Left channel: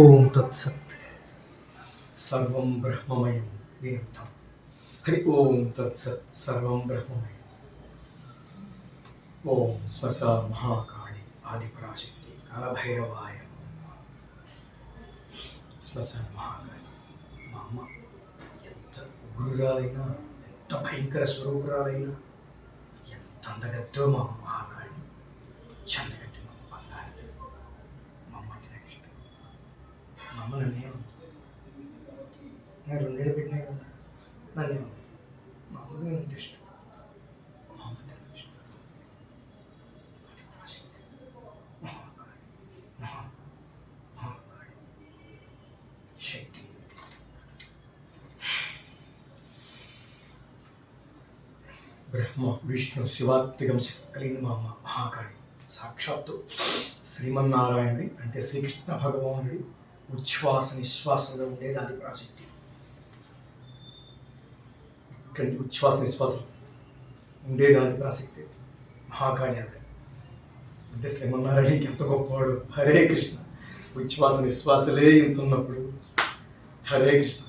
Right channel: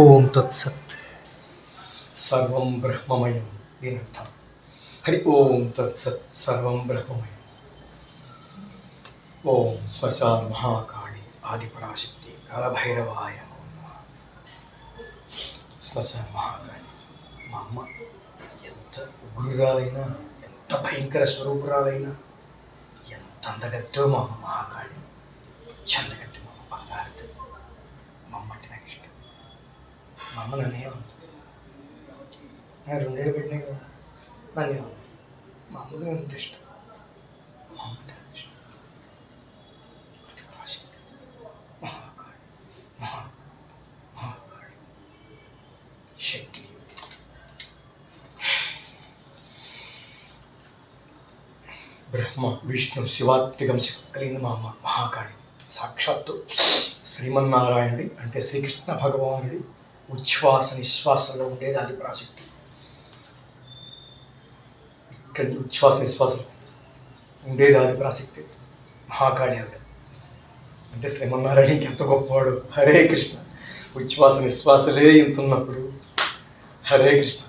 ఓం తత్సత్. సర్వం బ్రహ్మమయం. దీని అర్థం హరి ఓం తత్సత్. సర్వం బ్రహ్మమయం. ఓం శ్మశాన మహాకాళి ఆదిపరాశక్తి కాలభైరవాయ నమః. శ్మశాన మహాకాళి మా అమ్మ ఎంత ఉగ్రురాలైనా, ఎంత భయంకర స్వరూపురాలైనా, ఎంత అందగత్తో మా అమ్మ మహాకాళి, చందగత్తి మా అమ్మ బంగారది. మా అమ్మ అంటే నాకు ఇష్టం. మా అమ్మ నన్నేమన్నా, నేను 2 ఏళ్ళు పెట్టినాయి కదా, నన్నేమన్నా. మా అమ్మకి నేను అంటే ఇష్టం. మా అమ్మ అంటే నాకు ఇష్టం. ఆదిపరాశక్తి మహాకాళి, మహాకాళి శక్తి. బ్రహ్మ విష్ణు శివాత్మికం శక్తి కలిగిన మా అమ్మ మహాకాళి. సాక్షాత్తు శ్రీమన్నారాయణుడి అంటే శ్రీకృష్ణ భగవానుడి ఉచ్ఛ్వాస నిశ్వాసంలో ఉండేది ఆదిపరాశక్తి. ఇక్కడి ఉచ్ఛ్వాస నిశ్వాసం ఉండేది ఆదిపరాశక్తి మహాకాళి. అంటే శ్రీమన్నారాయణకి ఎంత గొప్పవాడు. హరే కృష్ణ. ఉచ్ఛ్వాస నిశ్వాసలే ఇంత ఉన్నప్పుడు హరే కృష్ణ.